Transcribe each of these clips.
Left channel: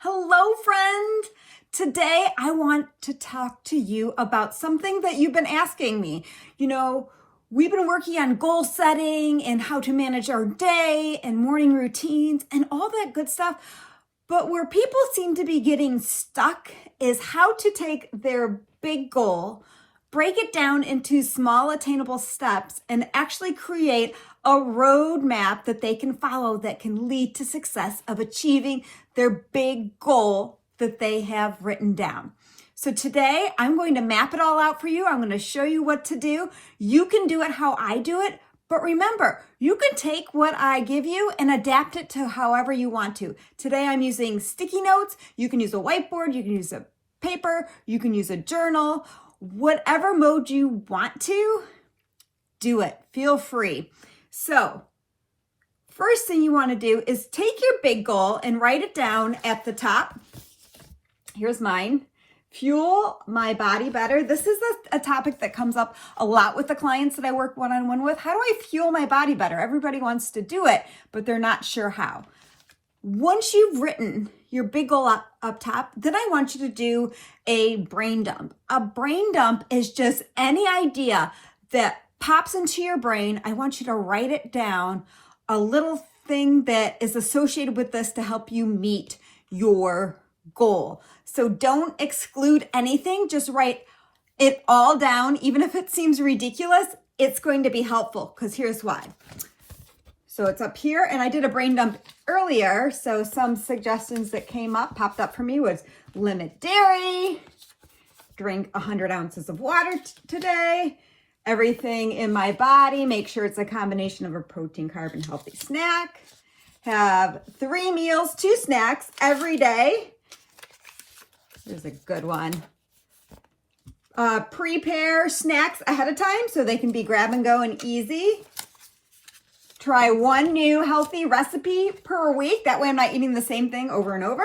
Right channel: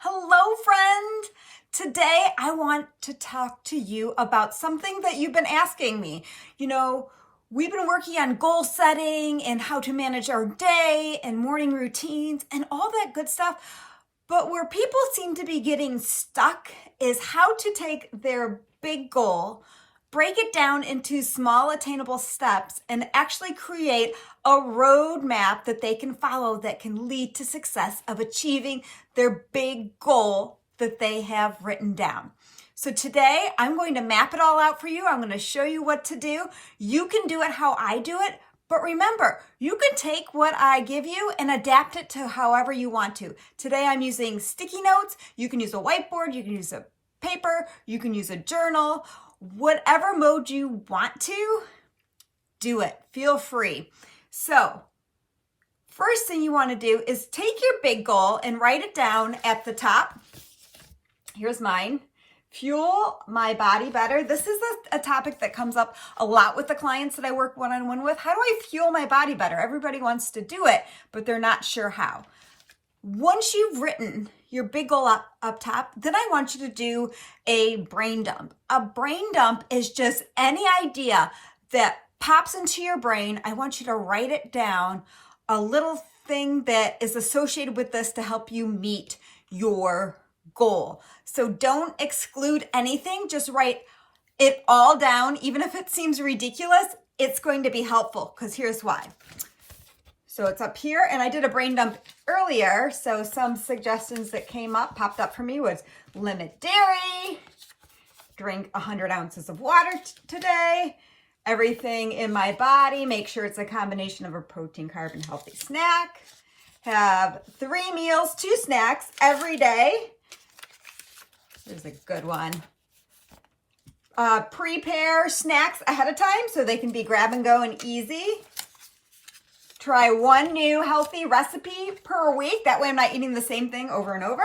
Hello, friend. Today, I want to talk to you about something that you've been asking me. We've been working on goal setting and how to manage our day and morning routines and all that good stuff. But where people seem to be getting stuck is how to take their big goal, break it down into small attainable steps, and actually create a roadmap that they can follow that can lead to success of achieving their big goal that they have written down. So today I'm going to map it all out for you. I'm going to show you what to do. You can do it how I do it, but remember, you can take what I give you and adapt it to however you want to. Today I'm using sticky notes. You can use a whiteboard, you can use a paper, you can use a journal. Whatever mode you want to, do it. Feel free. So, first thing you want to do is take your big goal and write it down at the top. Here's mine. Fuel my body better. This is a topic that comes up a lot with the clients that I work one-on-one with. How do I fuel my body better? Everybody wants to do it, but they're not sure how. Once you've written your big goal up top, then I want you to do a brain dump. A brain dump is just any idea that pops into your brain. I want you to write it down, a little thing that is associated with this to help you meet your goal. So don't exclude anything, just write it all down. Even if it seems ridiculous, it's going to be helpful because here's why. So it's up here, and I did a brain dump earlier. So some suggestions that popped up for me was limit dairy, drink 100 ounces of water today, everything in my body, make sure it's a combination of a protein, carb, and healthy snack, have 3 meals, 2 snacks every day. Here's a good one. Prepare snacks ahead of time so they can be grab and go and easy. Try 1 new healthy recipe per week. That way I'm not eating the same thing over and over.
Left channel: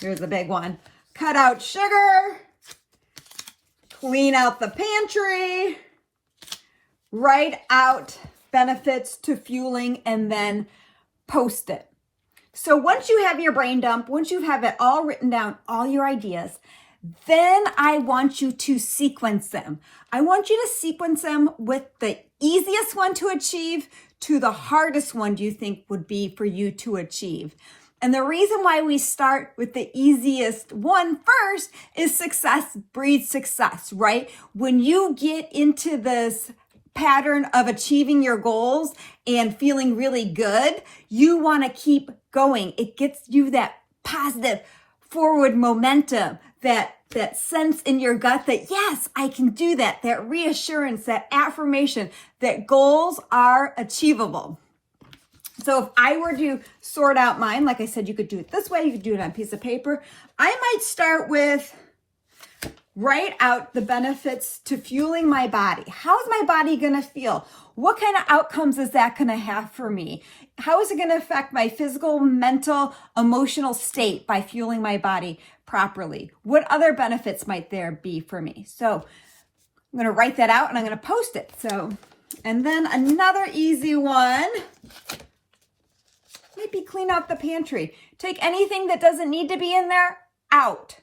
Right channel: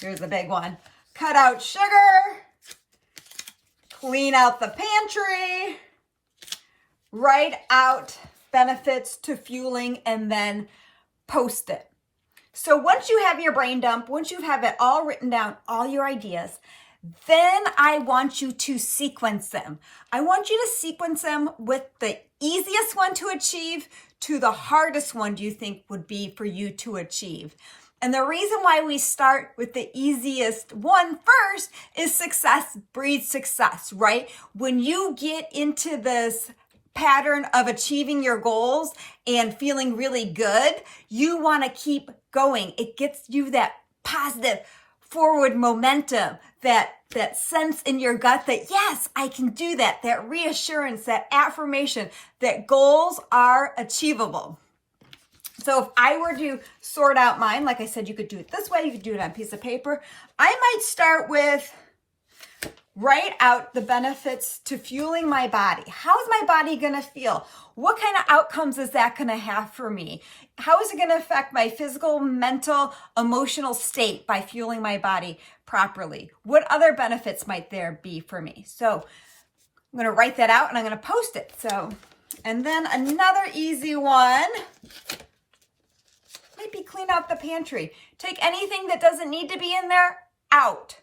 Here's a big one. Cut out sugar. Clean out the pantry. Write out benefits to fueling and then post it. So once you have your brain dump, once you have it all written down, all your ideas, then I want you to sequence them. I want you to sequence them with the easiest one to achieve to the hardest one you think would be for you to achieve. And the reason why we start with the easiest one first is success breeds success, right? When you get into this pattern of achieving your goals and feeling really good, you want to keep going. It gets you that positive forward momentum, that sense in your gut that yes, I can do that reassurance, that affirmation that goals are achievable. So if I were to sort out mine, like I said, you could do it this way, you could do it on a piece of paper. I might start with write out the benefits to fueling my body. How's my body going to feel? What kind of outcomes is that going to have for me? How is it going to affect my physical, mental, emotional state by fueling my body properly? What other benefits might there be for me? So I'm going to write that out and I'm going to post it. So, and then another easy one might be clean out the pantry. Take anything that doesn't need to be in there out.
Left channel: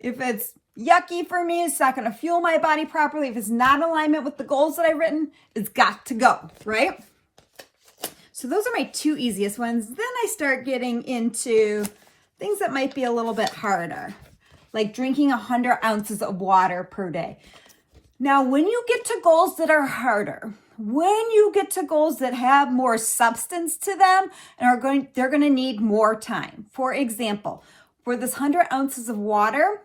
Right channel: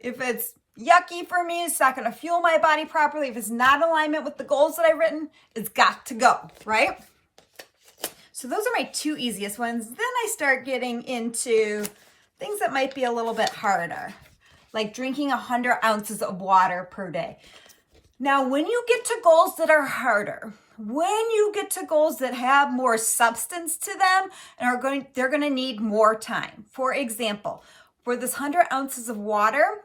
If it's yucky for me, it's not going to fuel my body properly. If it's not in alignment with the goals that I've written, it's got to go, right? So those are my 2 easiest ones. Then I start getting into things that might be a little bit harder, like drinking 100 ounces of water per day. Now, when you get to goals that are harder, when you get to goals that have more substance to them and they're going to need more time. For example, for this 100 ounces of water,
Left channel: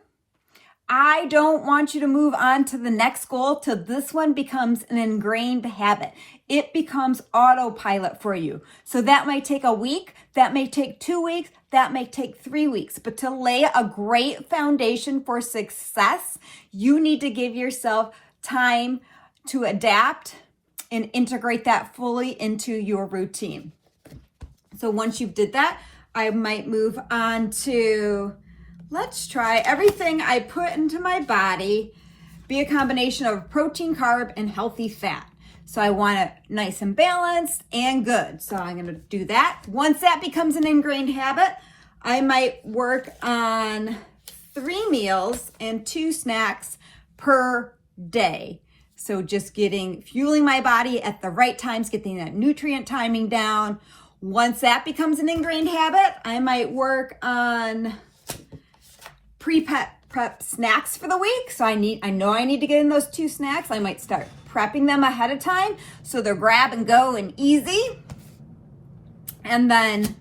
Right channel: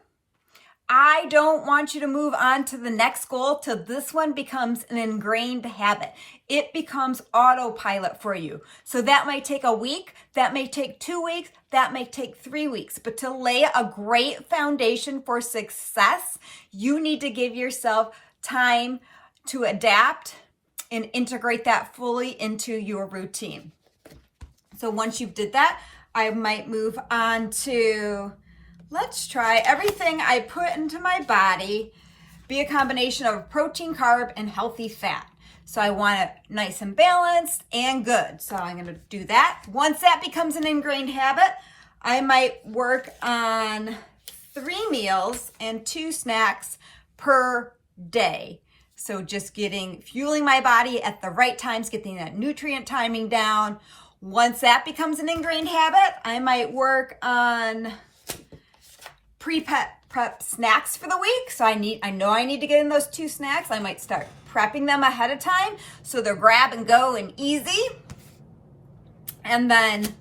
I don't want you to move on to the next goal till this one becomes an ingrained habit. It becomes autopilot for you. So that might take a week, that may take 2 weeks, that may take 3 weeks. But to lay a great foundation for success, you need to give yourself time to adapt and integrate that fully into your routine. So once you've did that, I might move on to, let's try everything I put into my body be a combination of protein, carb, and healthy fat. So I want it nice and balanced and good. So I'm gonna do that. Once that becomes an ingrained habit, I might work on 3 meals and 2 snacks per day. So just fueling my body at the right times, getting that nutrient timing down. Once that becomes an ingrained habit, I might work on prep snacks for the week. So I know I need to get in those 2 snacks. I might start prepping them ahead of time so they're grab and go and easy. And then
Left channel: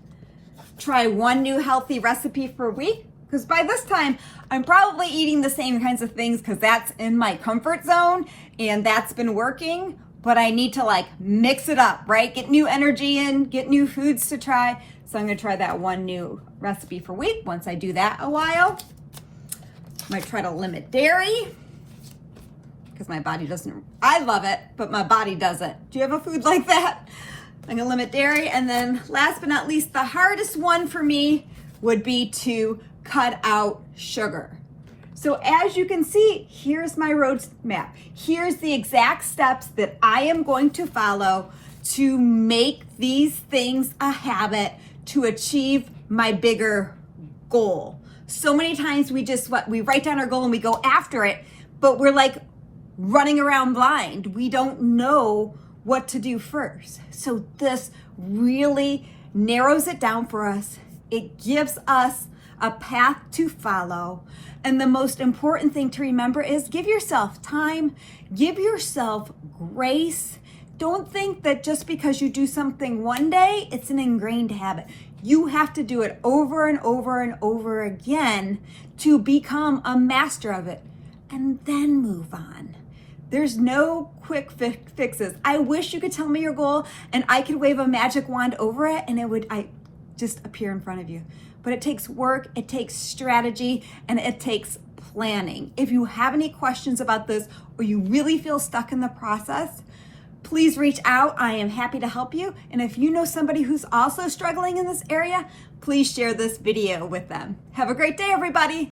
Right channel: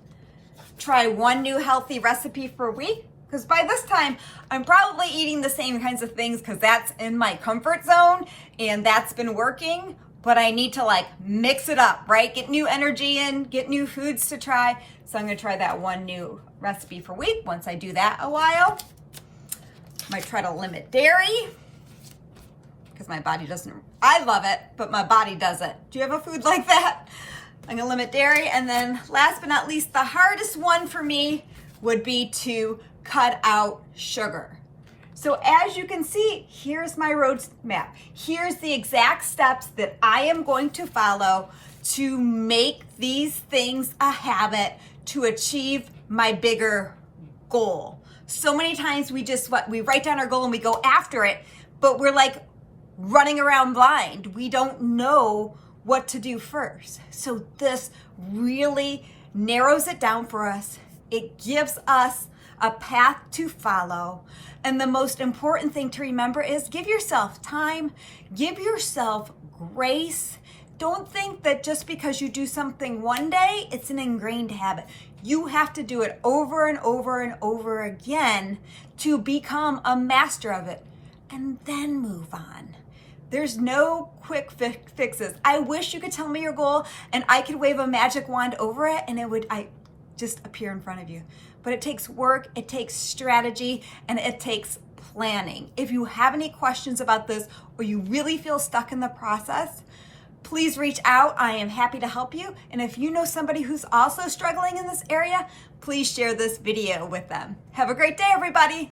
try 1 new healthy recipe per week. Because by this time, I'm probably eating the same kinds of things because that's in my comfort zone and that's been working. But I need to mix it up, right? Get new energy in, get new foods to try. So I'm gonna try that 1 new recipe per week. Once I do that a while, I might try to limit dairy because my body doesn't, I love it, but my body doesn't. Do you have a food like that? I'm gonna limit dairy. And then last but not least, the hardest one for me would be to cut out sugar. So as you can see, here's my roadmap. Here's the exact steps that I am going to follow to make these things a habit to achieve my bigger goal. So many times we write down our goal and we go after it, but we're running around blind. We don't know what to do first. So this really narrows it down for us. It gives us a path to follow. And the most important thing to remember is give yourself time, give yourself grace. Don't think that just because you do something one day, it's an ingrained habit. You have to do it over and over and over again to become a master of it and then move on. There's no quick fixes. I wish you could tell me your goal and I could wave a magic wand over it and it would just appear in front of you. But it takes work, it takes strategy, and it takes planning. If you have any questions about this or you really feel stuck in the process, please reach out. I am happy to help you. And if you know somebody who's also struggling in this area, please share this video with them. Have a great day, everybody.